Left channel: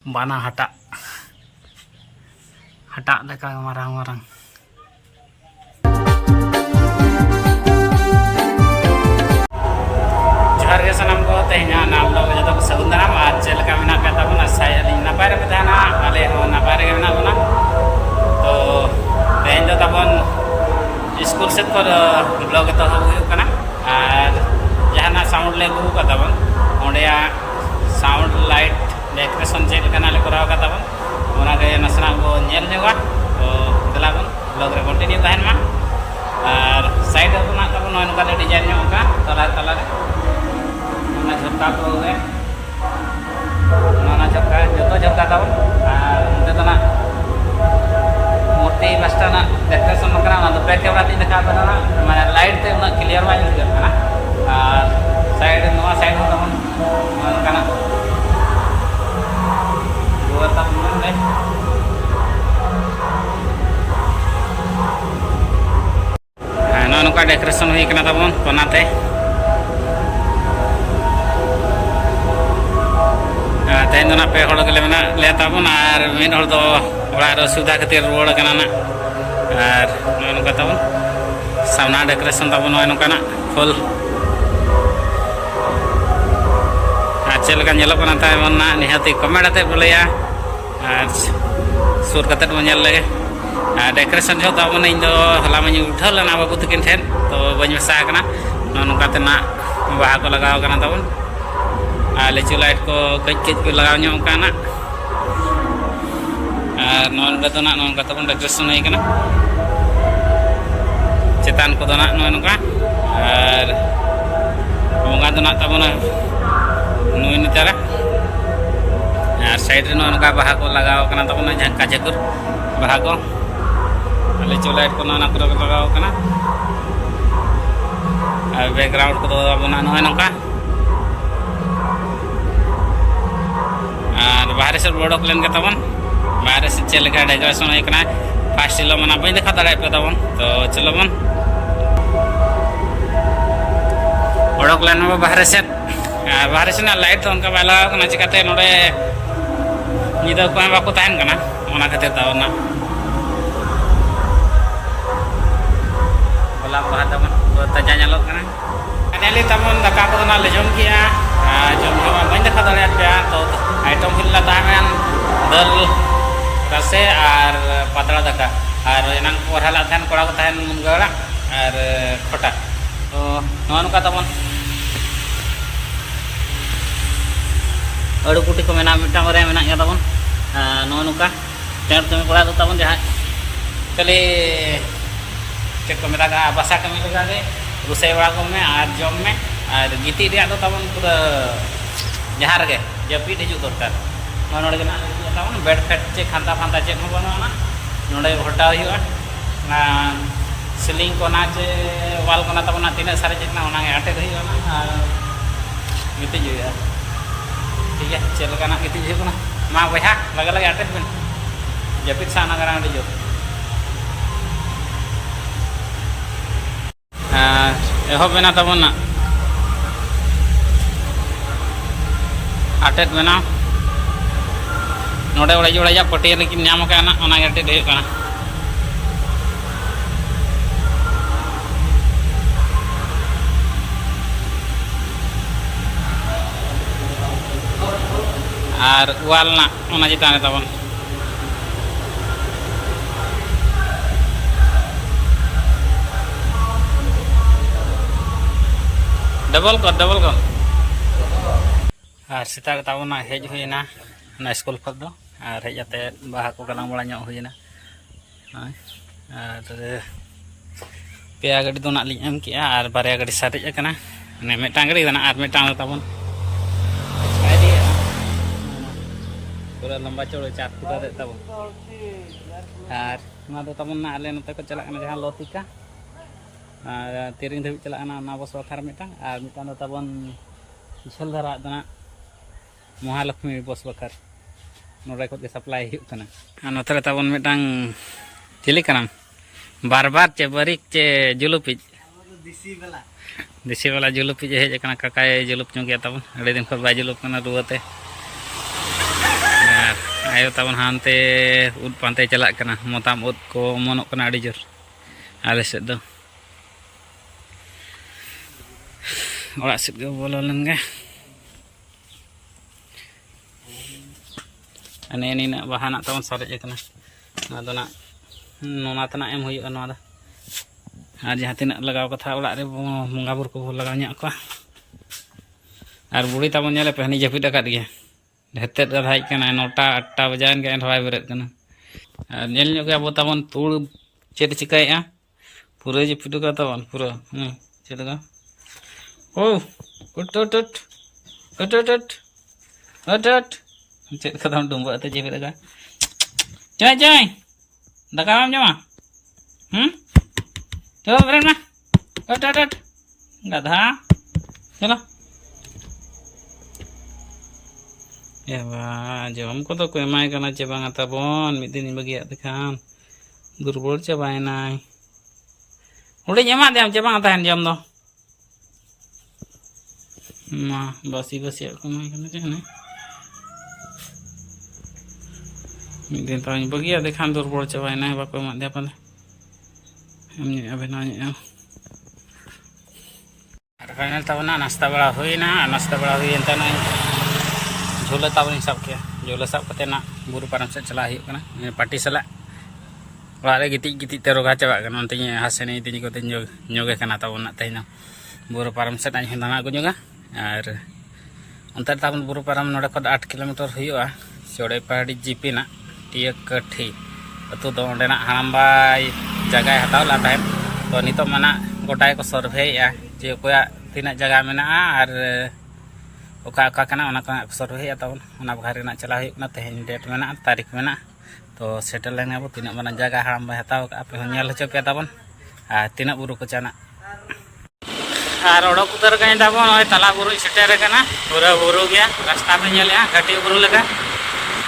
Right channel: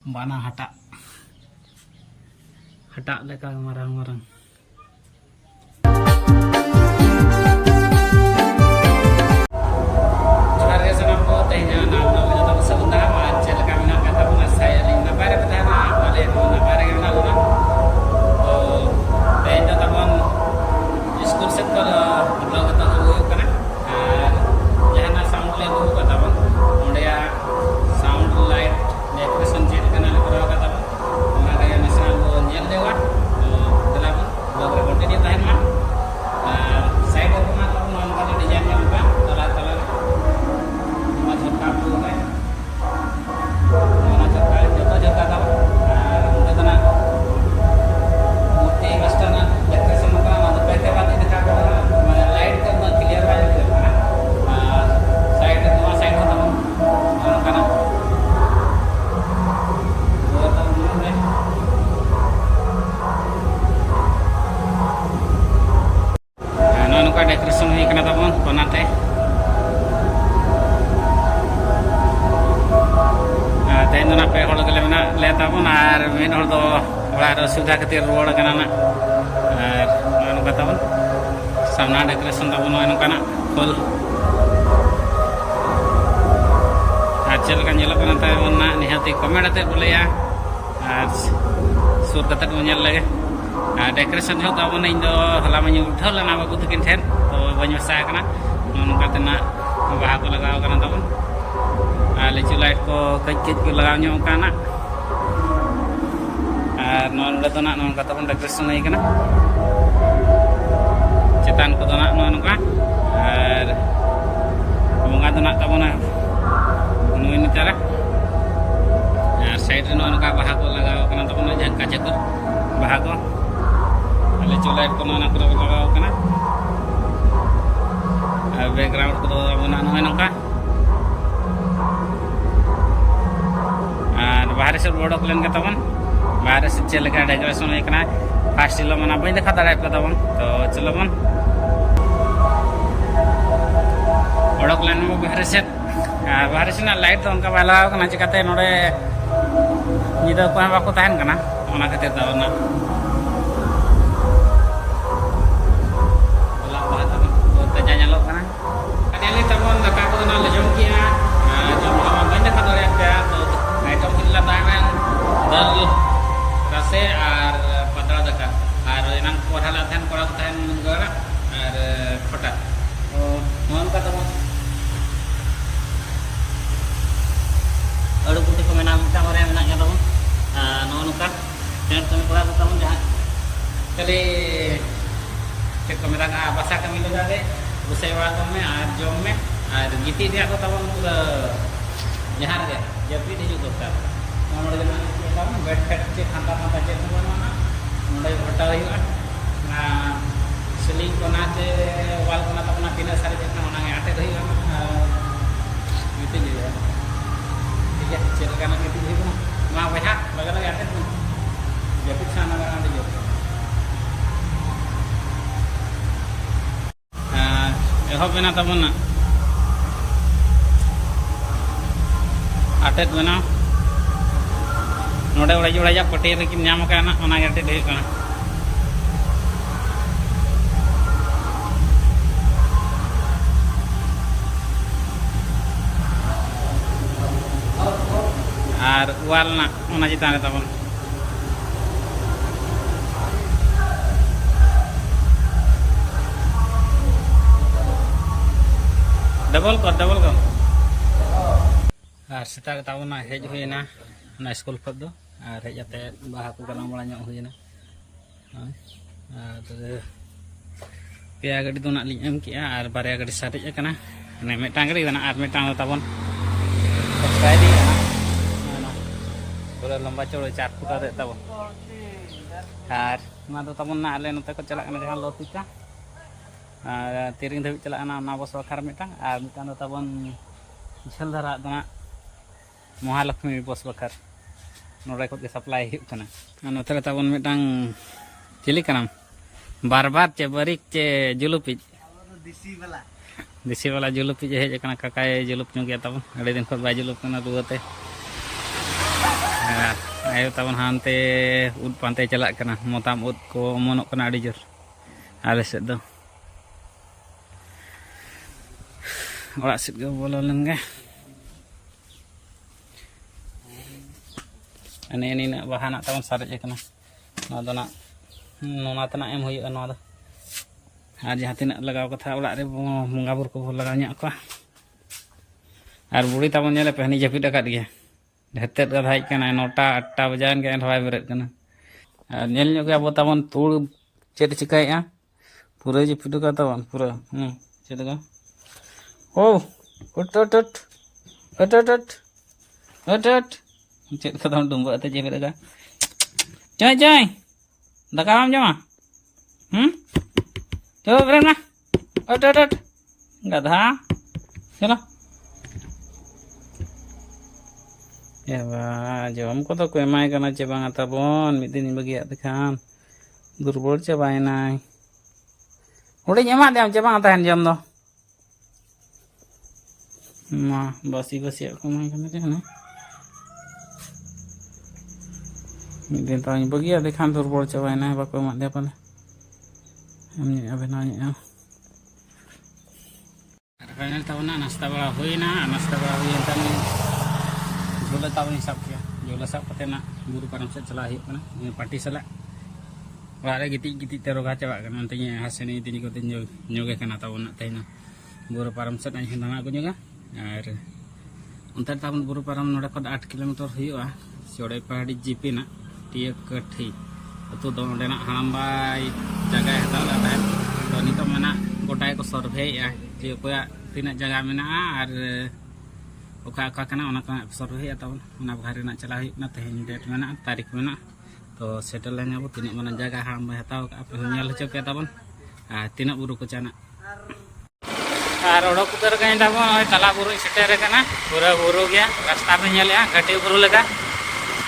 Bana hata leka marang-marang. Johar ge sanam ko tehnya naam log joto ko sagundaram aaj chel ka mena ka tabuna saya ali napare pe thana ale ho napare ge mena buna to tehn jo tabon school set ko blog to hoyu kana ar jahana sound le gu ka tabon onde sound light decoration chel kana le kora ka tabon ona ge nasna go nyel joga to delabon blog re continue tahen ma ar side ko na tabon on ka design nyam ka tala tala re tak perlu mana cakap jodoh cakap tahu kita tu nak murti pasti nak dekat sama kerana tu pakai berarti dekat pada mana light tu nak clear wajah juga kan side kerana dua tahun deh nukar decoration hui kena tabon ponate तेन पे हड़ के ले तबन और मिन हड़ दो ओड़ा असुविधा खातिर रुआड़ कना ना और नोका तबन सामना डेकोरेशन तबन नोका फुल चल का नेलोकना तायमन ना निहाती कमेंट आते बोलेया और सुर कते बन नेल लगे डेकोरेशन जो तबन इन दो हला मन उठल ना बाबू तकिन ठेन तो बन मसा कना नोका ते ना बाहा को लगाव कना तबन लेचू लाइट को कच को लगा ना और नोका तबन डेकोरेशन हुई कना चेतान को नोका और बंगा तो तबन नुई नितारा और साइड रे नोका बाहा को लगाव कना तबन झंका झकुर बाहा को लेचू लाइट को लगाव कना और बैकग्राउंड को तबन नोका और बाहर से बोडक लेन के तबन बाहर से चल के डेकोरेशन होना फास्ट हिलो मना बी देखा दाड़ा पे तबन तो चलो बन बोडक लेन में बाहर से ना लाइट तो उनका बाला चिकाते नोडे निदा को बाको तहन कना ओना खातिर तबन ना बोला बाहा तबन तो ताजा ñalo कना फाइनली तबन दाका को ना ले जम किया जम बी देखा दाड़ा पे तो आइटम हिला ताहन दल रसे और पातला दाका और एनांग पढ़ाला तहन कोड़ा को तहन मुनगाड़ा और खोटा तो नोका तबन अड़ू कुटी को मेना मिटा रे मेना या तबन नोका टेंट कमी कोड़ा तो तबन जहां खाली चेक को मेरा बासा कमी लगा गए रुसे बड़ा को में और जम में और गिटी रे तो तबन पूरा जहाँ रगे जपीट हजू दरकार नोड़े तबन बेड फेड चे खांता फांता चे बनवा नोड़े हटाव ना सिलिंग को ना चे वाल को ना तबन तीन सारे चेकना अटेद और गिटिज ठीक है चल का गिटिज मा बहा लगे लगे अटेद बिन जपीट साना जो एहब बना तबन अटेद बना नोड़े ओड़ा जोड़ा पटिया लेकिन नाम करना अटेद होना और वाल ना चितान तबन डबल कर और सेता तबना हेज हुईना स्कूल खत दो और हेज आते बाहा को गलांग बड़ा हुईना और पेया गाड़ी दो नाली एम किया और बारे गाड़ी सारेज कना ने मेटांग गाड़ी दना और मेटांग तबन पूरा लंबा चौड़ा 4 फुट रे तबन और ना दो तबन ना आले नते को चला जहां लतिका और तिरिंग धबी चला ना बस बखार मेटांग और मेटांग दो तबन झल धरा दना महालक्ष्मी बस बखार नोड़े को सप्लाई नोते तबन मेटांग चिली कनाम बार चे बरिक चे जुलुपी देसी वाला जुलुपी हेज काकाय जुलुप चुंगिया तबन अड़े दिन खन bye जुलुप रुआते ayo tabon hante ud pantai celak kena motam ud ko monok kena adi jor ale sed do ora sed go bolo lengga ane ini nak bahan nak tabon sarek kena na do nak nona tana em huyu no da ar jaha tinak lagaw katha orak re bongga bur ko lagaw nyak ko ar buri tabon nyale pehni japit akat ge hetet ga hai kana 9टा 8टा bajan ge en hoy beret kana ar nyel nyok ge abo tabon tur chet chikai a pura japit ka tabon pura chet ga oh ut ut ut ut ut ut ut ut chet ka tabon dumba te japit ga jai jai daka am jama चलो friend ना हट हट हट गधा चलो ya ba jom ko to ko emai kana che bang atabon mid din bagi at kan durbol che bai nai udah nyama dem che bang atahan jam do ma basi basi ko mai kana che na mid din ta bagi at kan durbol che bai nai ba ko ma de pa ini abis nanya ada final tahun nasta bala hui ente na jula tahun hisap kia jula sab kate na buru param set celah hiuk kana ini party sala wala gitik tero gacha ba kana ontinya hasene tini ko tenjo nyoge kana tahun nak tehna buru param set ani hendana ko nyoga ar ontar tahun buru param noda kod 8 kilometer hiuka sore pahadi GP na tiak kathi atu do onde na hambai jaga hataw la time to nito mana gotai ko survey ya je koya tina jaga mena ar oka kana ona ka survey atau ona bakhari na chala huyuk na tehen date mena tarik mena to settle leng abo tina mana jaga hambai hataw ka ape nyal hocho pe tabon tina buru ko chana ar odok utar kain tabon oi tala buru setere kana pura buru gya rasta pe nyal ya gati buru lega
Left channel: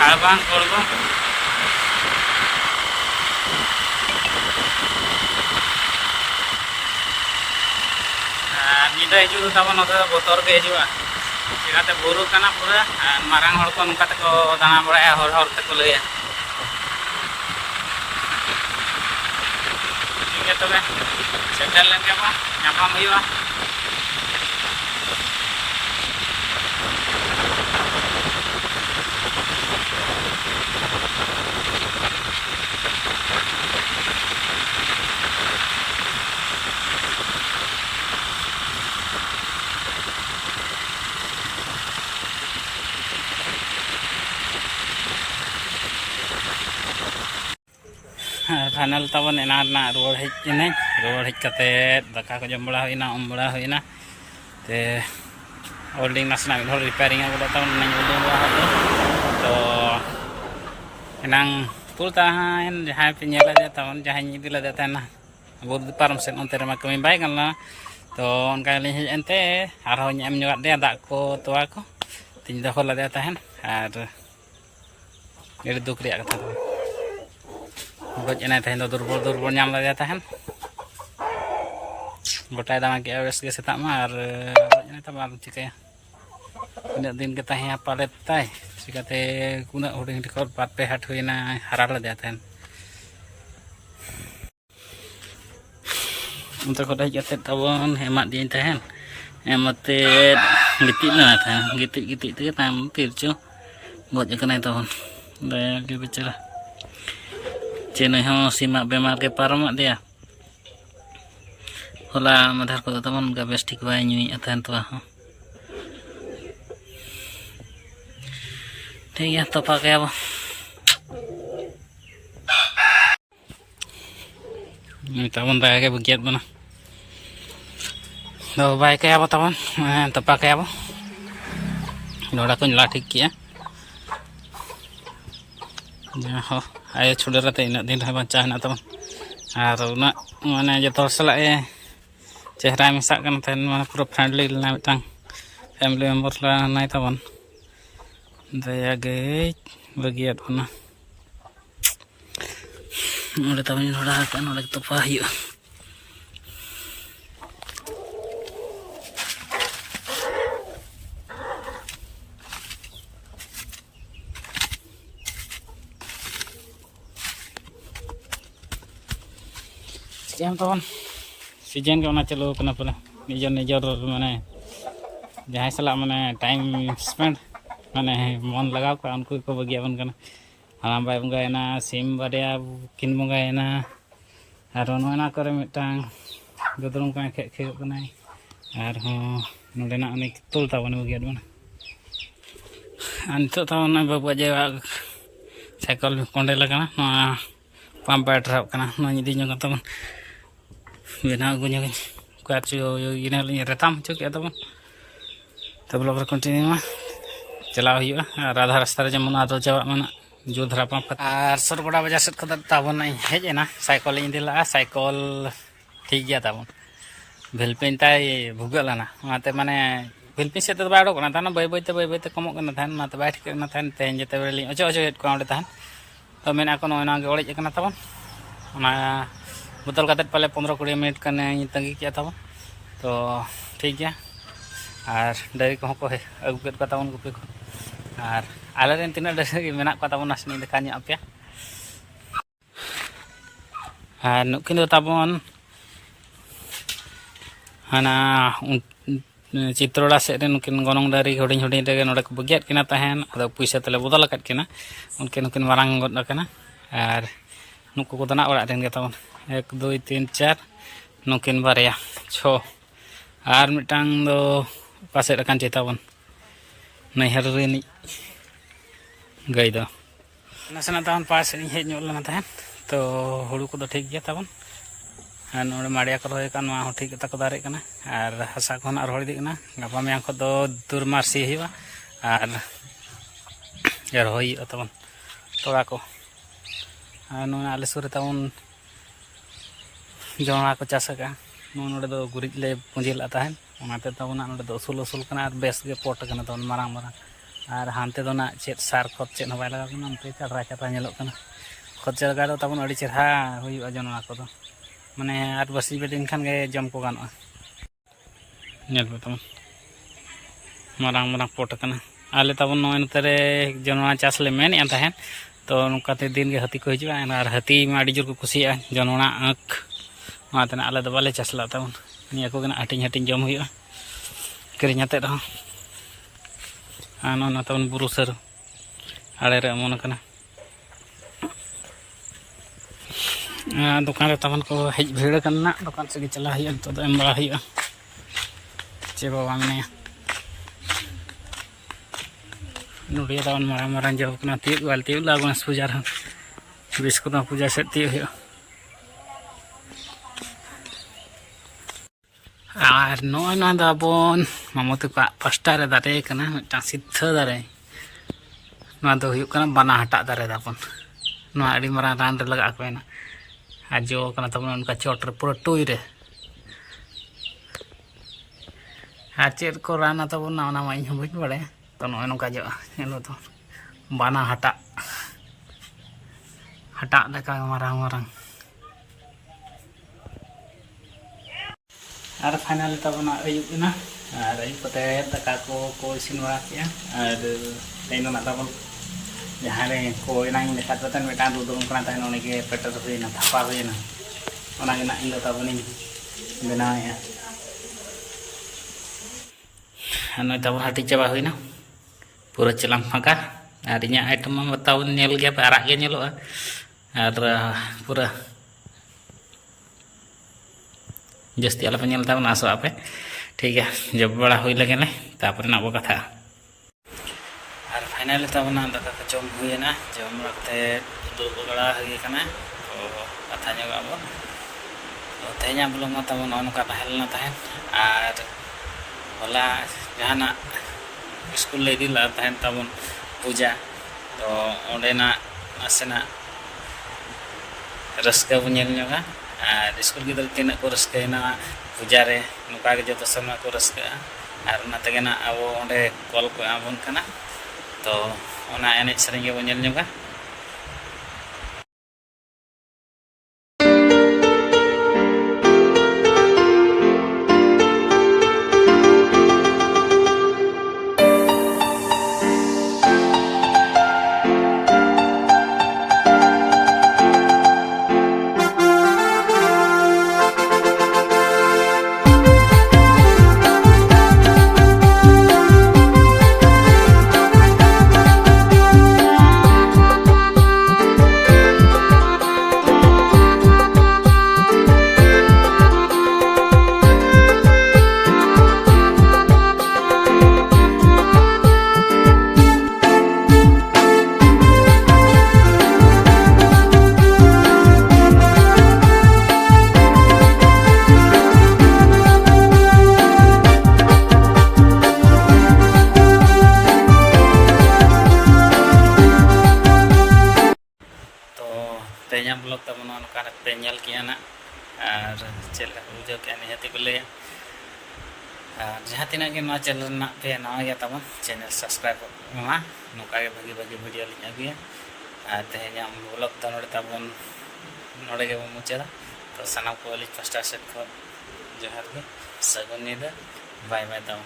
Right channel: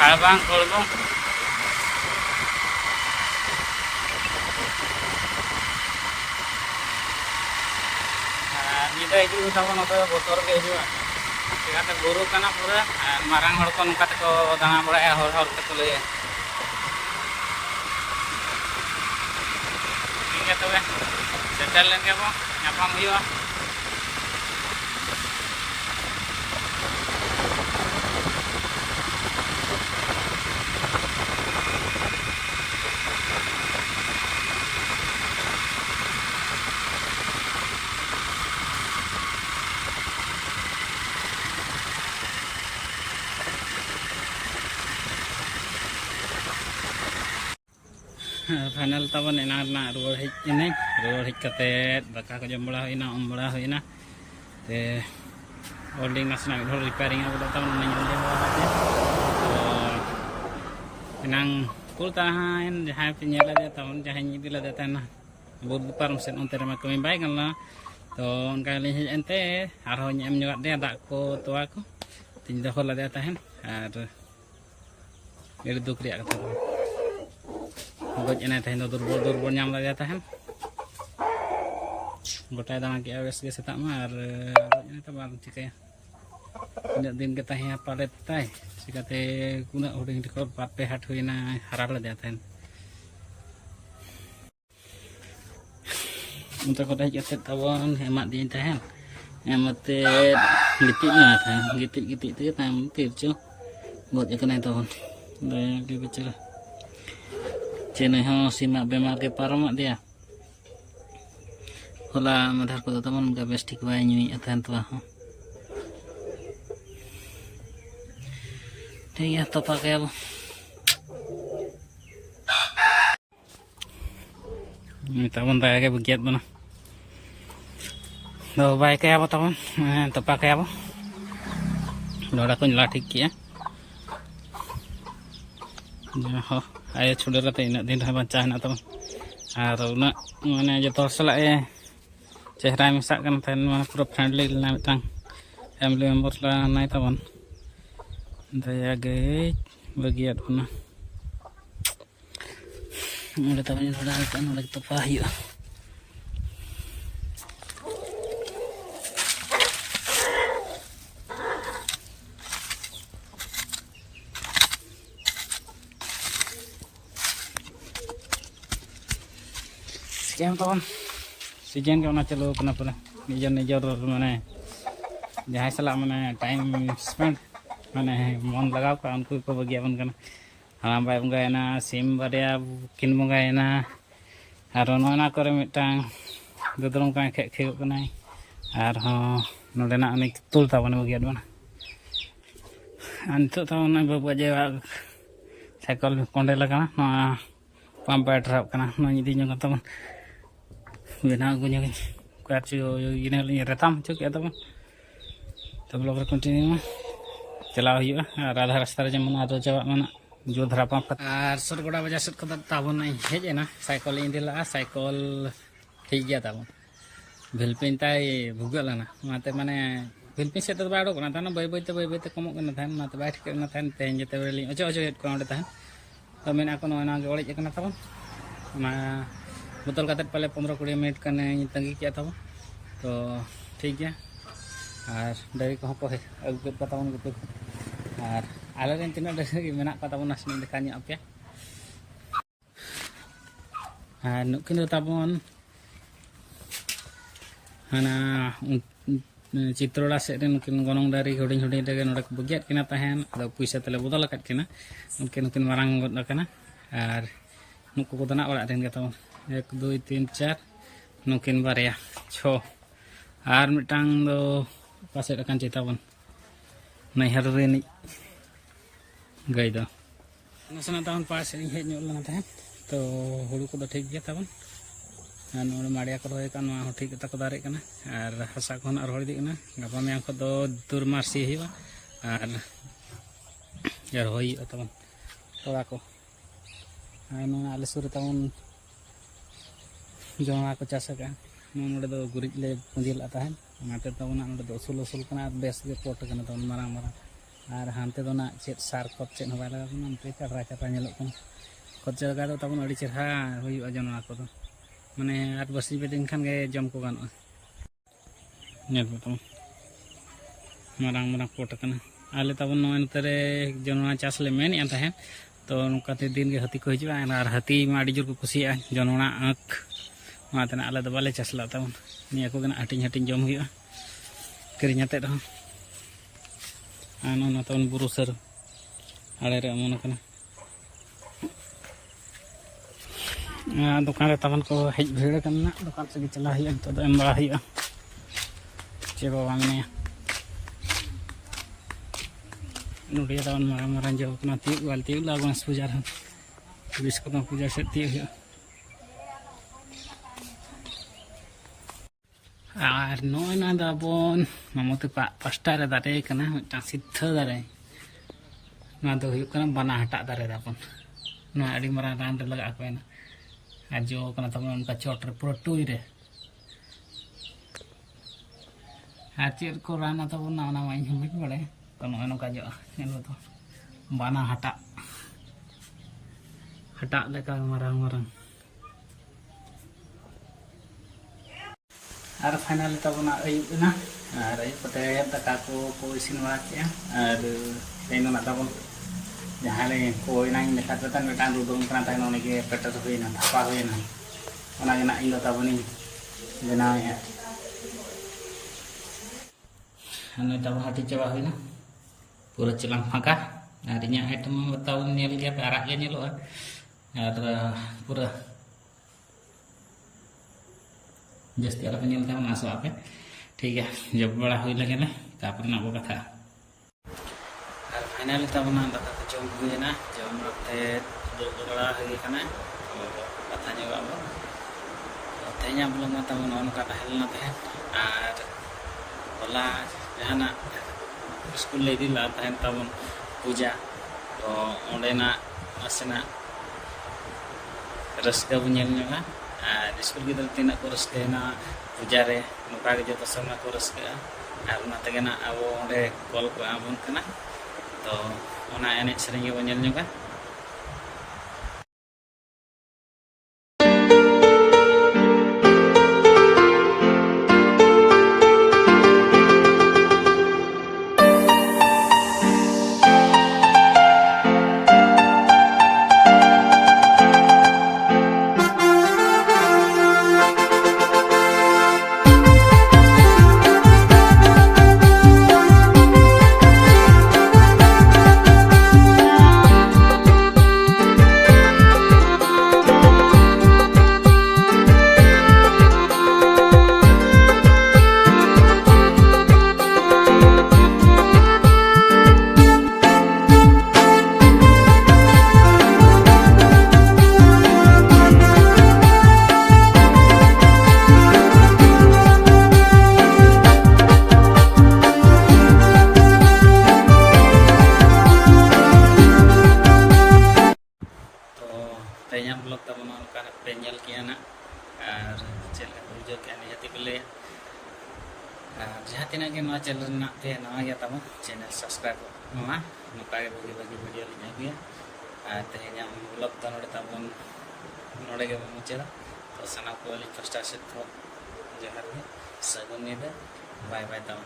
halbang kolbong nyida hiju tabon ote botor ge hiju chikate buru kana pura marang hor ko nongka te ko dana bada hor te ko laya ठीक है तबे settle लेंगे बो nyapam huyuga final tabon enar na ruar hej ini ruar hej kate daka ko jom bala hoina om bala hoina te holding nasna hol repairing abu tabon nang udo wa hado to enang pul tahan jahai penyela dia tabon jahai nyidila dia tanah abu param sen onte ma kami bai kan la to on kali hej ente arho nyam nyuat dia dak ko tua ko tin da hol dia tahan ar eri duk riak kata goj enai tahin do durbol nyam la dia tahan gotai dama ki awes ge setak ma ar goj enai ta bal cikaya ina din ke tahin palet tai sikate kuna huding dikot pat pe hat huina harar la dia tahan untuk kodai jatet tabon hemat dia tahan hemat gitit na tahan gitit tu tam pircu goj kenai tabon daya ge bicara chene ho simak bemar ke parmak dia hola madhar ko tamon ga bes ठीक bai nyui athan to ho ठीक है तो pakai apa ini tamon ta ke begiat mana do bai ke apa tamon to pakai apa noda ko nyala ठीक किया ya ho ayo sudah rata ina din ha bancah na teman aruna mana jotor sala chehra misak kan ten mana pura friendly na mitang family member la nai teman daya ge bagiat mana udah teman udah kan udah ketopah yuk कैम तब सीजन के चलू पूरा निजर निजर माने जहाँ सला माने टाइम स्पेंड माने मन लगाव का उनको को बगियाबन कना हालाम बाय बंगायना सिम बारिया किन बंगायना और नोना करे मिटांग गदरम का खे खेग कना और नोडेना उनी तुल ताबन बगियाद बना अंत तावन बाबा जे साइकल कोंडे लगाना पंप बैठराब कना नो इदी जों ताबन बेना गुnya कुछ इना रेताम चुके ताबन तो ब्लॉग रे कंटिन्यू मा चलाव हुआ और आधा रास्ता रे जमन आदो चाबा मना जो धरा पंप और सरगोड़ा बाजार सेट खदा ताबन हेजना साइकल इदिला साइकल ठीक गया ताबन भेलपिन ताई भुगलाना माते माने भेलपिन से बाय ओडोकना तान बाय बायते कमक कना थान माते बाय ठीक कना थान तेन जते बेली अचो अचो हेड को ओडे थान तो मेना को नोना गे ओड़ेज कना ताबन ओना बोतल काते पाले 15-20 मिनट कने तंगी किया ताबन तो ठीक गया और डायरी को अगू के ताबन गुपी को और आले रेन तीना डायरी मेना को ताबन नासनी देखा nya पे और नुकिन दो ताबन हाना चित्रोड़ा से नुकिन गनोंग डायरी हुडिंग हुडिंग रे नोडे को बगियात किना तहन अदो पैसा तले बदल अकत किना उनके नुकिन मारांग गद कना और नुको को दना ओड़ा रेन गे ताबन 1 2 3 4 नुकिन बारिया 6 और मिटांग दो पासे रकान चिताबन नैहर रेनी गई दो नसना ताबन पास हेज ᱧᱚᱞ तहन तो हुड़ू को ठीक गया ताबन और नोड़े माड़िया को रहे कान मा ठीक तक दारे कना और हसा को ना रोड़ दी कना गापा में को दो दूर मारसी हुआ और यार होई ताबन तोड़ा को और नो आले सुर ताबन जोना को चास का नोड़े दो गुरिज ले पुंजिला तहन ओनाते ताबन नोड़े दो उसूल उसूल कना और बेस गे पोट कना ताबन मारांग मारांग और हानते दो ना चेत सार खत चेत हबाय लगा कना उनते चारा चारा ñeलok कना खत लगा दो ताबन अड़ी चेरहा हुई जोना को दो माने आठ बसी बेदिन खान गे जम को गानोआ ñel ताबन मारांग मारांग पोट कना आले ताबन नोय नतरे जोना चास ले मेन या तहन तो नुकाते दिन गे हाथी को हिजुआ और हाथी मा अड़ी जोर को खुशिया जोना आँख माते आले दो बाले चासला ताबन निया को गना हटिंग हटिंग जम हुआ किरिंग आते रहो आना ताबन बुरु सर आड़े रे अमन कना दुकान रे ताबन को हेज भीड़ कना दुकान से चला हुआ तो एम बड़ा हुआ चे बाबा मने नुडिया ताबन मारांग मारांग जो कना ती वाल ती लागन पूजा रे बिस को पूजा से ती हुआ और नोय ना दाबन मामते का पास्टा रे दारे कना मिटा सिद्ध दारे ना दो हुयु कना बाना हटा दारे दाबन ना अड़ी मारा रान रे लगा को ना आज जो कना तबन उनका चोट रे पूरा टुई रे आचेर को राना तबन ना ना माई हुई बड़े तो नोय नका जो नेलो तो बाना हटा हटा लेका मारांग मारांग और फाइनल तबना अयुबना और अयुब कते दाका को इसिन बड़ा किया और तेनो ना तबन जहाँ रे को इनांग लेका तन मेटान रुदुम कना तन ओने के पेटर हुईना थापा हुईना ओना गे ना इन तबनी बनाया नय तबन हाटी चाबा हुईना पूरा चलाम फाका और इना आइटम बताओ नेल गया पे आराग गे नेलोआ और पूरा जस्ती आला पे नेल ताबन आसो आपे ठीक है जब बड़ा हुई लगे ना तापर ना बो कथा और फाइनल ताबना दाका को जम हुईना जम रखते दो बड़ा हुई कना तो कथा जगह अब तो तेजा ब्लॉग मा ताबन अनका तहलना तहन और होला जहाना स्कूल ले दिला तहन ताबन पूजा तो ओंडेना आसेना रस्का बुझेल ñoga और स्कूल गिदर तीना को रस्केना पूजा रे नुका के जो समय को रस्का और ना तेगे ना अब ओंडे कॉल को आबन कना तो ओना एने सरिंग गे बुझेल ñoga तेज ब्लॉग तब नौका पे किया ना और चलका बुझे के निहती को लैया और जहाँ तीना के चैनल पे नवा गया तब चैनल सब्सक्राइब मा नौका भागी भागी वीडियो लिंग अगुया और तेज ब्लॉग तो नोड़े तबन नोड़े के मुचादा तो सानाम को पास्टा सेट को जोहार गे सगुन नीदा बाय बाय तब।